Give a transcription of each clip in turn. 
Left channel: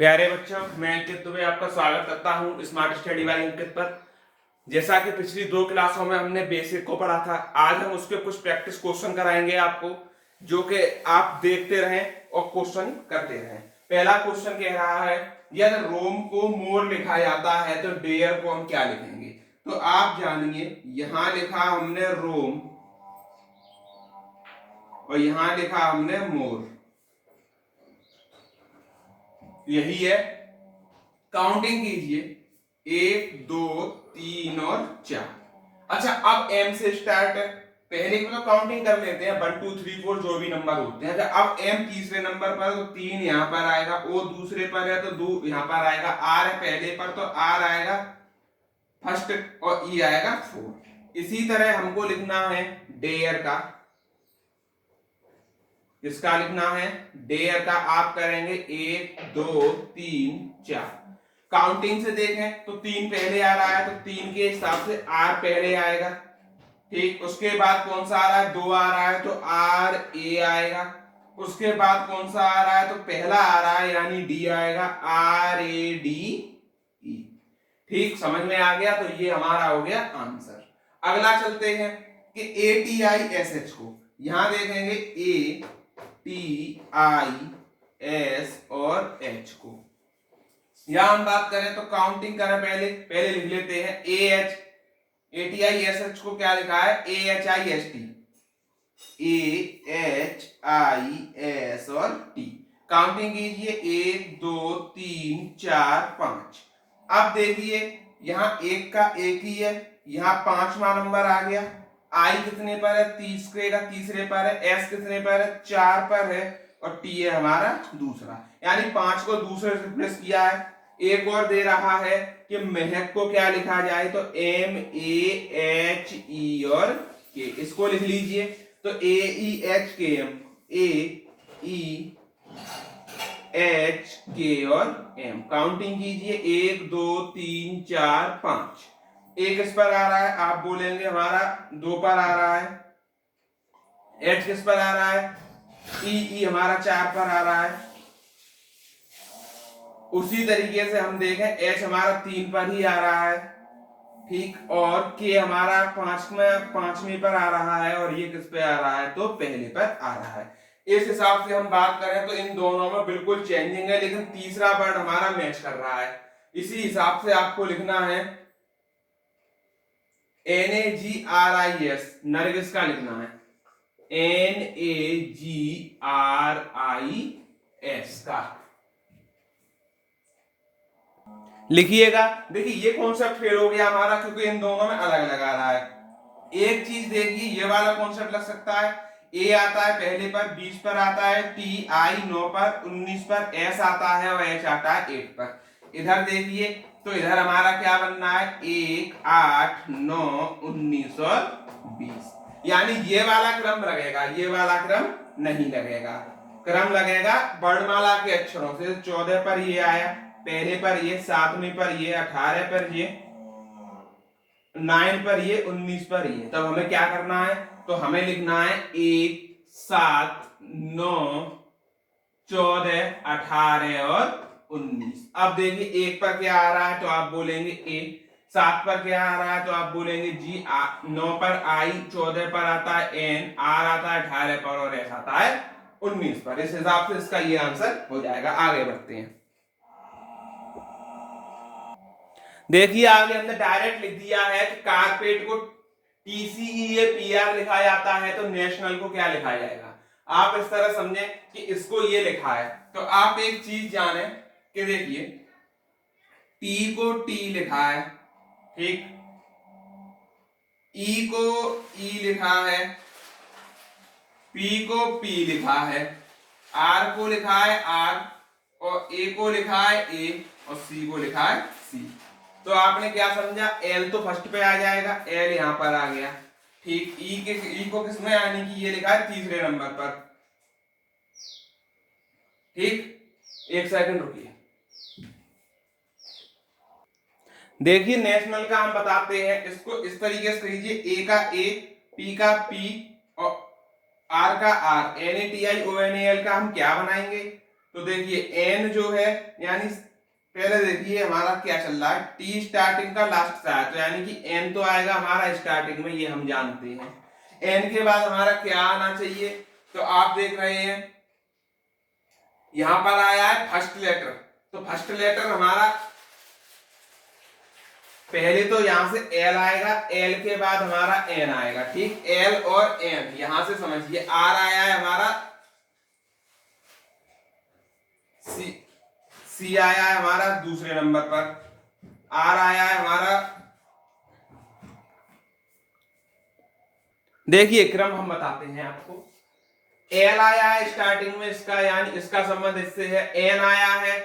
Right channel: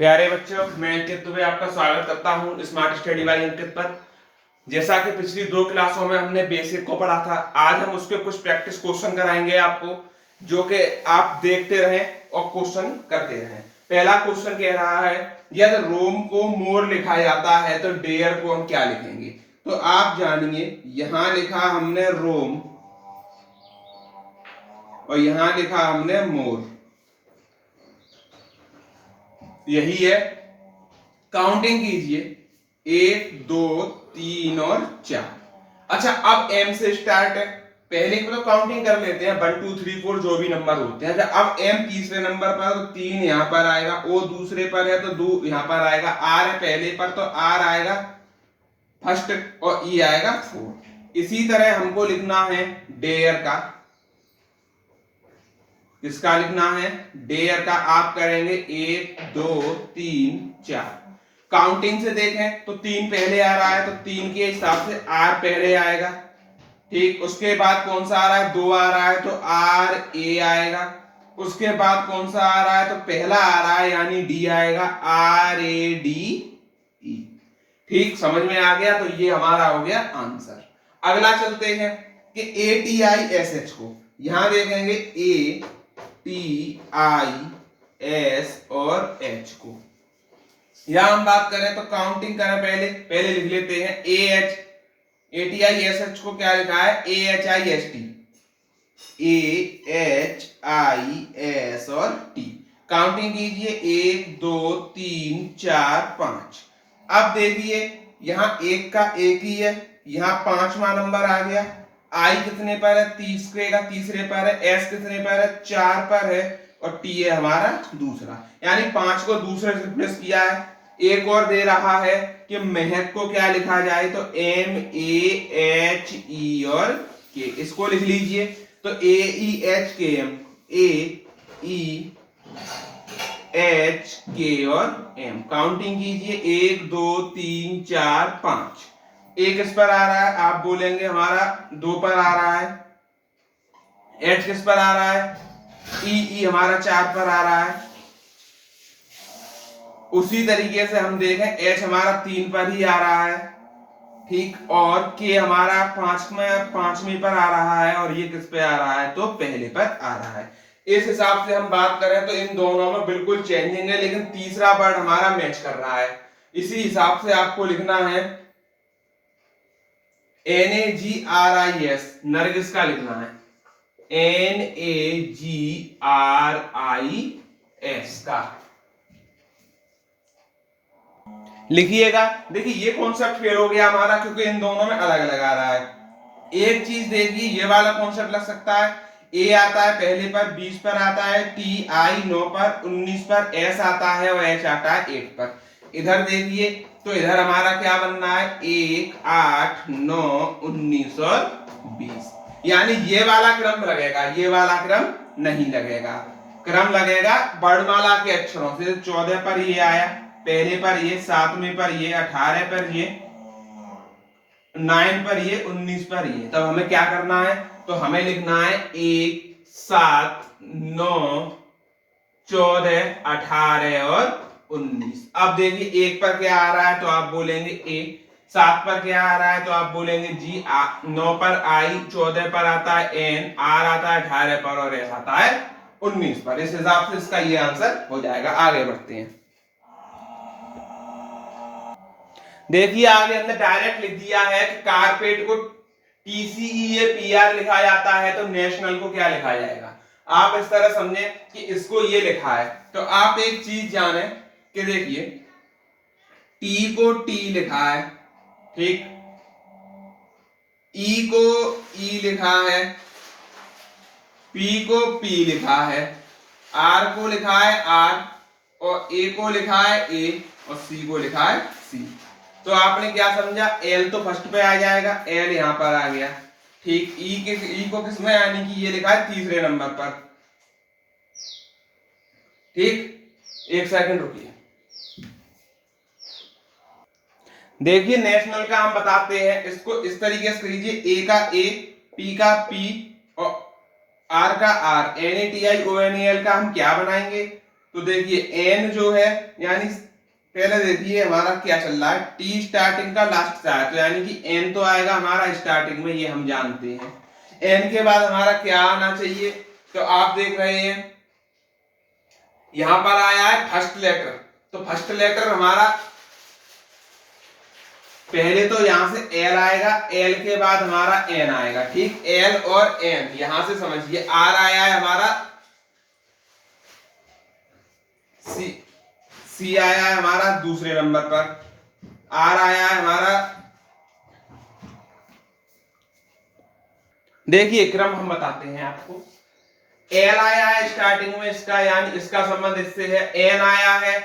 प्यारे बच्चों, मैं अंकित दुबे आपका स्वागत करता हूं स्मार्ट स्टडी बाय अंकित पर। जैसा कि पिछली 2 क्लासों में हमने बेसिक को पढ़ा था, आज हम उसके कुछ प्रैक्टिस क्वेश्चन कराएंगे आपको, जो कि आप देखते रहें और क्वेश्चन करते रहें। पहला क्वेश्चन कह रहा है, यदि रोम को मोर लिखा जाता है तो डेयर को हम क्या लिखेंगे। तो आप जानिए, यहां लिखा हमने रोम और यहां लिखा हमने मोर, यही है। काउंटिंग कीजिए, 1 2 3 और 4। अच्छा, अब एम से स्टार्ट है। पहले की तो काउंटिंग कर लेते हैं, 1 2 3 4 जो भी नंबर होते हैं। अच्छा, अब एम तीसरे नंबर पर तो 3 यहां पर आएगा, ओ दूसरे पर है तो 2 यहां पर आएगा, आर है पहले पर तो आर आएगा फर्स्ट और ई आएगा 4। इसी तरह हमको लिखना है डेयर का। किसका लिखना है? डेयर का। आप करेंगे 1 2 3 4। काउंटिंग से देखें तो 3 पहले आ रहा है तो 3 के हिसाब से आर पहले आएगा। ठीक, उसके बाद कौन सा आ रहा है? 2 आ रहा है तो आर ए आएगा। उसके बाद कौन सा आ रहा है? तो पहला आ रहा है यानी डी आएगा, आर ए डी ई। ठीक, समझ में आ गया? तो ये हमारा हो गया आंसर। अगला चलते हैं कि A T I S H को यहां देखेंगे, ए टी आई एस और एच को। यहां हम बात करें तो काउंटिंग करें, पहले लिख लेते हैं A H. A T I S H को क्या लिखा है? A H I S T, A H I S और टी। काउंटिंग कीजिए, 1 2 3 4 5। अब देखिए, यहां एक का एक ही है, यहां 5वां नंबर आ गया। आई कितने पर है? तीसरे का तीसरे पर है। एस कितने पर है? 4 पर है। और टी है हमारा दूसरा, यानी 5 को दूसरे से रिप्लेस किया है। एक और दे रहा है कि महक को क्या लिखा जाए, तो एम ए एच ई और के। इसको लिख लीजिए, तो ए ई एच के एम, ए ई एच के और एम। काउंटिंग कीजिए, 1 2 3 4 5। एक किस पर आ रहा है? आप बोलेंगे हमारा 2 पर आ रहा है। एच किस पर आ रहा है? ई हमारा 4 पर आ रहा है। उसी तरीके से हम देखें, एच हमारा 3 पर ही आ रहा है। ठीक, और के हमारा 5वें पर आ रहा है, और ये किस पे आ रहा है? तो पहले पर आ रहा है। इस हिसाब से हम बात करें तो इन दोनों में बिल्कुल चेंजिंग है, लेकिन तीसरा वर्ड हमारा मैच कर रहा है। इसी हिसाब से आपको लिखना है NAGRIS, नरगिस का लिखना है NAGRIS का लिखिएगा। देखिए, ये कॉन्सेप्ट फेल हो गया हमारा, क्योंकि इन दोनों में अलग अलग आ रहा है। एक चीज देखिए, ये वाला कॉन्सेप्ट लग सकता है। ए आता है पहले पर, 20 पर आता है, टी आई 9 पर, 19 पर, एस आता है और एच आता है 8 पर। इधर देखिए, तो इधर हमारा क्या बनना है? 1 8 9 19 और 20। यानी ये वाला क्रम लगेगा, ये वाला क्रम नहीं लगेगा। क्रम लगेगा वर्णमाला के अक्षरों से। 14 पर ये आया, पहले पर ये, 7वें पर ये, 18 पर ये, 9 पर ये, 19 पर ये। तब हमें क्या करना है? तो हमें लिखना है 1 7 9 14 18 और 19। अब देखिए, 1 पर क्या आ रहा है? तो आप बोलेंगे ए। 7 पर क्या आ रहा है? तो आप बोलेंगे जी। 9 पर आई, 14 पर आता है एन, आर आता है 18 पर, और एस आता है 19 पर। इस हिसाब से इसका ये आंसर हो जाएगा। आगे बढ़ते हैं। देखिए, आगे हमने डायरेक्ट लिख दिया है कि कारपेट को TCEAPR लिखा जाता है, तो नेशनल को क्या लिखा जाएगा? आप इस तरह समझे कि इसको ये लिखा है, तो आप एक चीज जाने कि देखिए, टी को टी लिखा है, ठीक, ई को ई लिखा है, पी को पी लिखा है, आर को लिखा है आर, और ए को लिखा है ए, और सी को लिखा है सी। तो आपने क्या समझा? एल तो फर्स्ट पे आ जाएगा, एल यहां पर आ गया। ठीक, ई को किसमें, यानी कि ये लिखा है तीसरे नंबर पर। ठीक, एक सेकंड रुकिए। देखिए, नेशनल का हम बताते हैं, इसको इस तरीके से कीजिए, ए का ए, पी का पी और आर का आर। NATIONAL का हम क्या बनाएंगे? तो देखिए एन जो है, यानी पहले देखिए हमारा क्या चल रहा है, टी स्टार्टिंग का लास्ट था, तो यानी कि एन तो आएगा हमारा स्टार्टिंग में, ये हम जानते हैं। एन के बाद हमारा क्या आना चाहिए, तो आप देख रहे हैं यहां पर आया है फर्स्ट लेटर, तो फर्स्ट लेटर हमारा पहले तो यहां से एल आएगा, एल के बाद हमारा एन आएगा, ठीक, एल और एन यहां से समझिए। आर आया है हमारा, सी आया है हमारा दूसरे नंबर पर, आर आया है हमारा, देखिए क्रम हम बताते हैं आपको। एल आया है स्टार्टिंग में इसका, यानी इसका संबंध इससे है। एन आया है,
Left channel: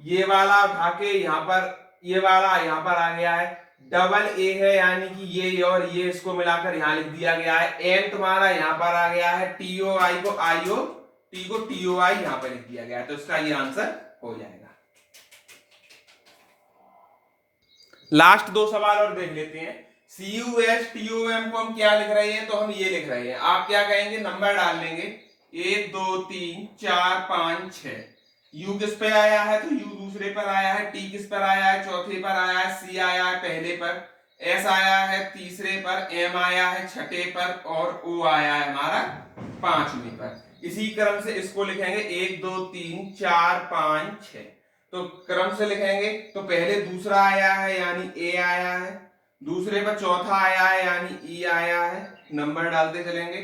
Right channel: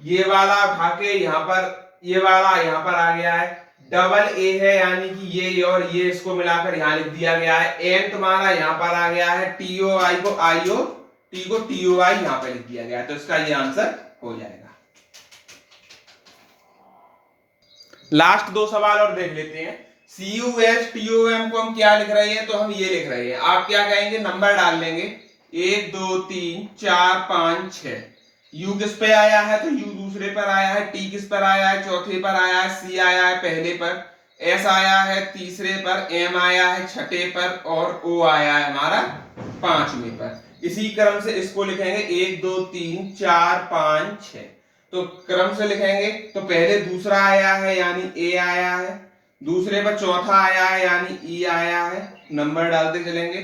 ये वाला उठा के यहाँ पर, ये वाला यहाँ पर आ गया है। डबल ए है, यानी कि ये और ये इसको मिलाकर यहाँ लिख दिया गया है। एन तुम्हारा यहाँ पर आ गया है, टीओ आई को आईओ, टी को टीओ आई यहाँ पर लिख दिया गया है, तो इसका ये आंसर हो जाएगा। लास्ट दो सवाल और देख लेते हैं। CUSTOM को हम क्या लिख रहे हैं, तो हम ये लिख रहे हैं, आप क्या कहेंगे, नंबर डाल लेंगे 1 2 3 4 5 6। U किस पे आया है, तो U दूसरे पर आया है, T किस पर आया है, चौथे पर आया है, C आया है पहले पर, S आया है तीसरे पर, M आया है छठे पर, और O आया है हमारा पांचवें पर। इसी क्रम से इसको लिखेंगे 1 2 3 4 5 6, तो क्रम से लिखेंगे। तो पहले दूसरा आया है यानी ए आया है, दूसरे पर चौथा आया है यानी ई आया है, नंबर डालते चलेंगे।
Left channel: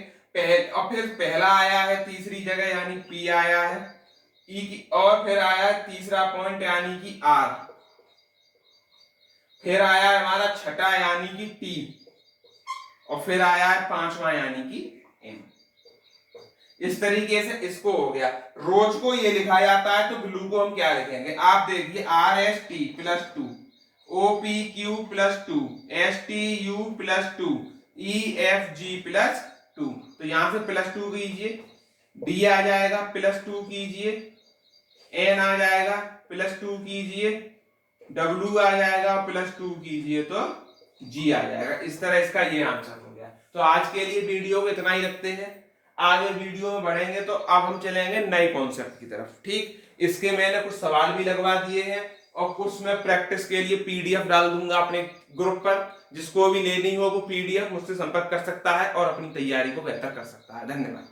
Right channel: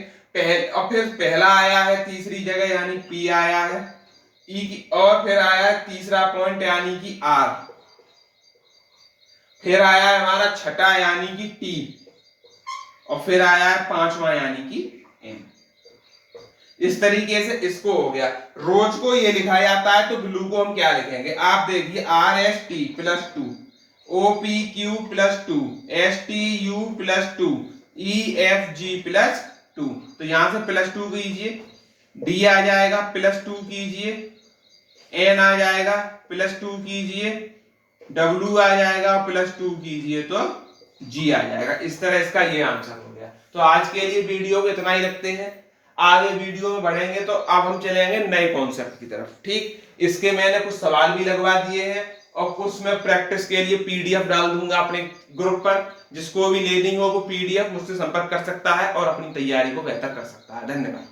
और फिर पहला आया है तीसरी जगह यानी पी आया है, ई की, और फिर आया है तीसरा पॉइंट यानी कि आर, फिर आया है हमारा छठा यानी कि टी, और फिर आया है पांचवा यानी कि एम। इस तरीके से इसको हो गया। रोज को ये लिखा जाता है, तो ब्लू को हम क्या लिखेंगे, आप देखिए RST +2, OPQ +2, STU +2, EFG +2, तो यहां से +2 कीजिए, D आ जाएगा +2 कीजिए, N आ जाएगा +2 कीजिए, W आ जाएगा +2 कीजिए, तो G आ जाएगा। इस तरह इसका ये आंसर हो गया। तो आज के लिए वीडियो को इतना ही रखते हैं, आगे वीडियो में बढ़ेंगे तो अब हम चलेंगे नए कॉन्सेप्ट की तरफ, ठीक। इसके मैंने कुछ सवाल भी लगवा दिए हैं, और कुछ मैं प्रैक्टिस के लिए PDF डाल दूंगा अपने ग्रुप पर, जिसको भी लेनी हो वो PDF मुझसे संपर्क कर सकता है और अपनी तैयारी को बेहतर कर सकता है। धन्यवाद।